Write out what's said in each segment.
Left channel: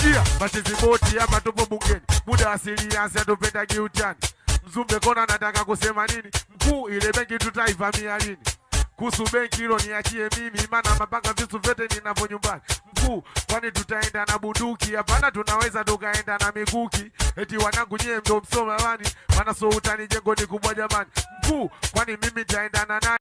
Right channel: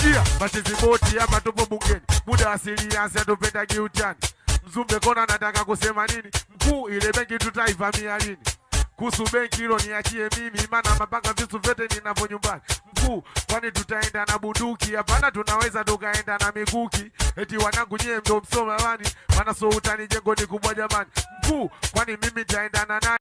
Sikia, matizimoti hapa tupo bungeni. Muda asili yansi atupenda giutani. Mzumbe kona nataka kusema nini? Mkuu ile benki tutaivamia lini? Kuhusu benki hilo niachie mimi, maana mapanga vitu vyote ninavyo nyumbani. Mkuu, kwani tutaenda na bunduki? Hapana, tunaweza tukaenda na mikuki. Eti wanangu nyie ndo msoma wani, maana so utani jengo ni kubwa jamani. Mkuu, kwani mimi nitaenda na nani?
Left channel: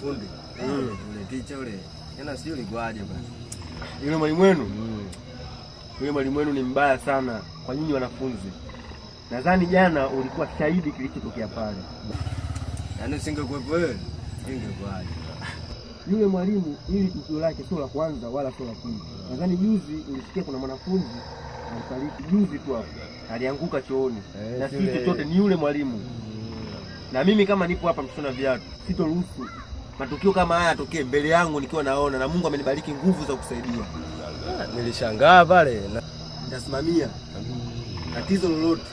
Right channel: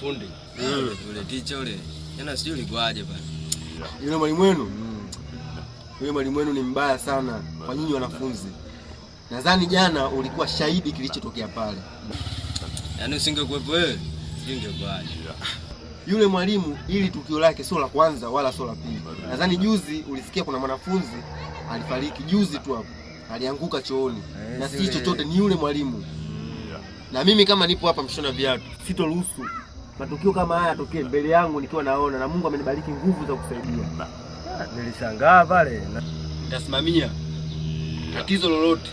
Fundi. Ule teacher ule. Jana sijui ulikuaje bana. Yule mwalimu wenu? Yule mwalimu wenu ni mbaya sana kwa nyinyi wanafunzi. Nadhani jana ulikuwa shahidi kilichotokea pale. Yaani usingekuwepo wewe, ingekuaje? Yule mwalimu ili tukio lake sio la kwanza wala sio la pili. Nadhani juzi ulisikia kuna mwanafunzi alifariki juzi tu hapo. Alianguka chooni. Na si chochote ni yule mwalimu. Na mimi kama nipo hapa mshona viatu, sitoruhusu matukio kama haya yatokee mbele yangu nikiwa naona, na Mungu amenibariki nguvu za kusaidia. Nilishangaa pale. Nitasimamia tatizo lolote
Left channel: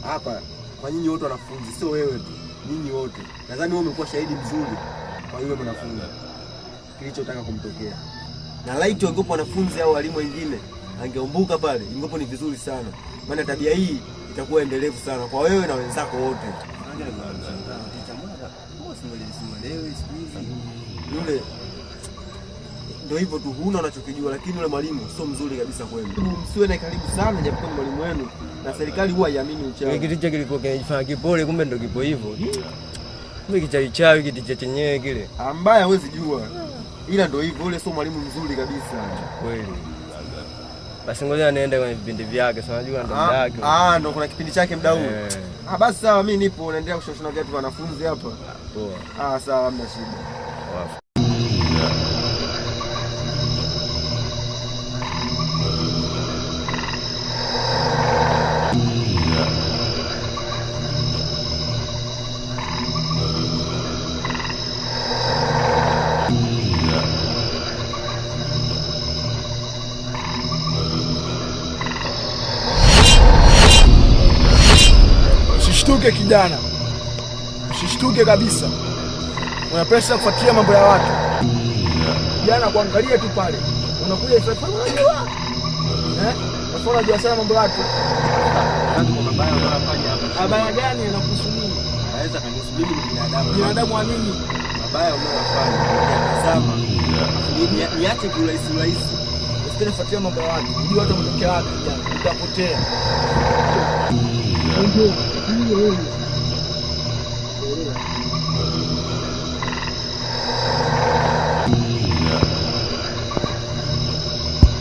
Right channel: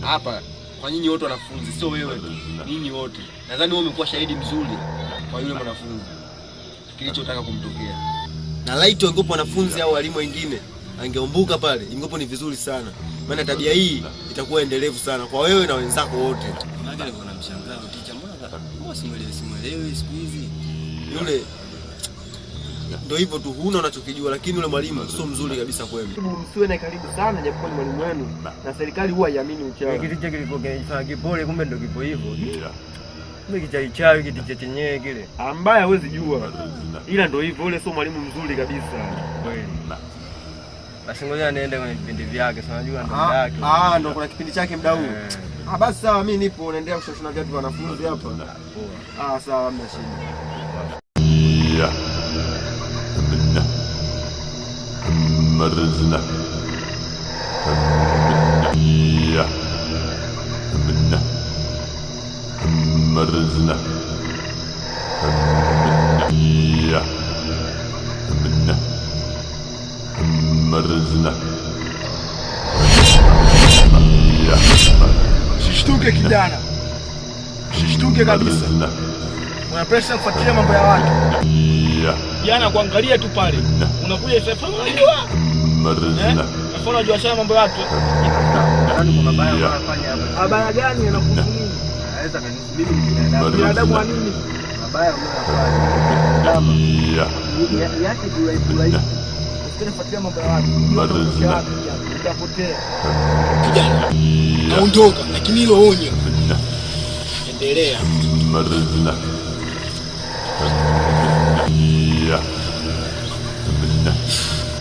hapa kwa nyinyi wote wanafunzi, sio wewe tu, nyinyi wote. Nadhani wewe umekuwa shahidi mzuri kwa yule mwanafunzi kilichotaka kumtokea. Na laiti wangepo wanafunzi au walimu wengine angeumbuka pale, ingepo ni vizuri sana. Maana tabia hii itakuwa endelevu sana kwa wewe na wenzako wote. Maana nilikuwa namshangaa teacher, mbona simuelewi siku hizi. Yule ndio hivyo tu, huna unachokijua, lakini yule mwalimu sio mzuri kabisa kwenu. Msiwe na karibu sana, japokuwa ni mwalimu wenu na serikali huwa haiamini uchawi. Kitu chake kilikuwa kinafanya kipole, kumbe ndio kipo hivyo. Mimi kichaichawi kitu chenyewe kile. Ambaye hawezi jua. Ila ndio hivyo, yule sio mwalimu mzuri kabisa. Kweli. Basi ngoja niende kwenye vipindi vyake, si unajua ndo muda yake. Ndo kuna kipindi chake muda huu. Basi sawa, mimi nipo naendelea kushona viatu vya wanafunzi hapa. Poa. Sawa, hamna shida. Usishtuke kijana, usishtuke kabisa. Una pesa kufuatilia mambo ya watu. Jana kuangalia tu pale. Unakuja sasa unajua. Unajua sana mambo ya watu. Nani kwa mabaya wanafanya hapa? Mabaya gani yanakuhusu nini? Naweza kanihusu mimi binadamu. Binadamu wa nini? Mabaya unayofanya. Tazama. Niache kurahisi. Usitanifuatilia mambo ya watu. Unajua hata mtokea wapi kijana? Utapotea. Kijana. Naondoka, lakini hilo onyo. Endelea.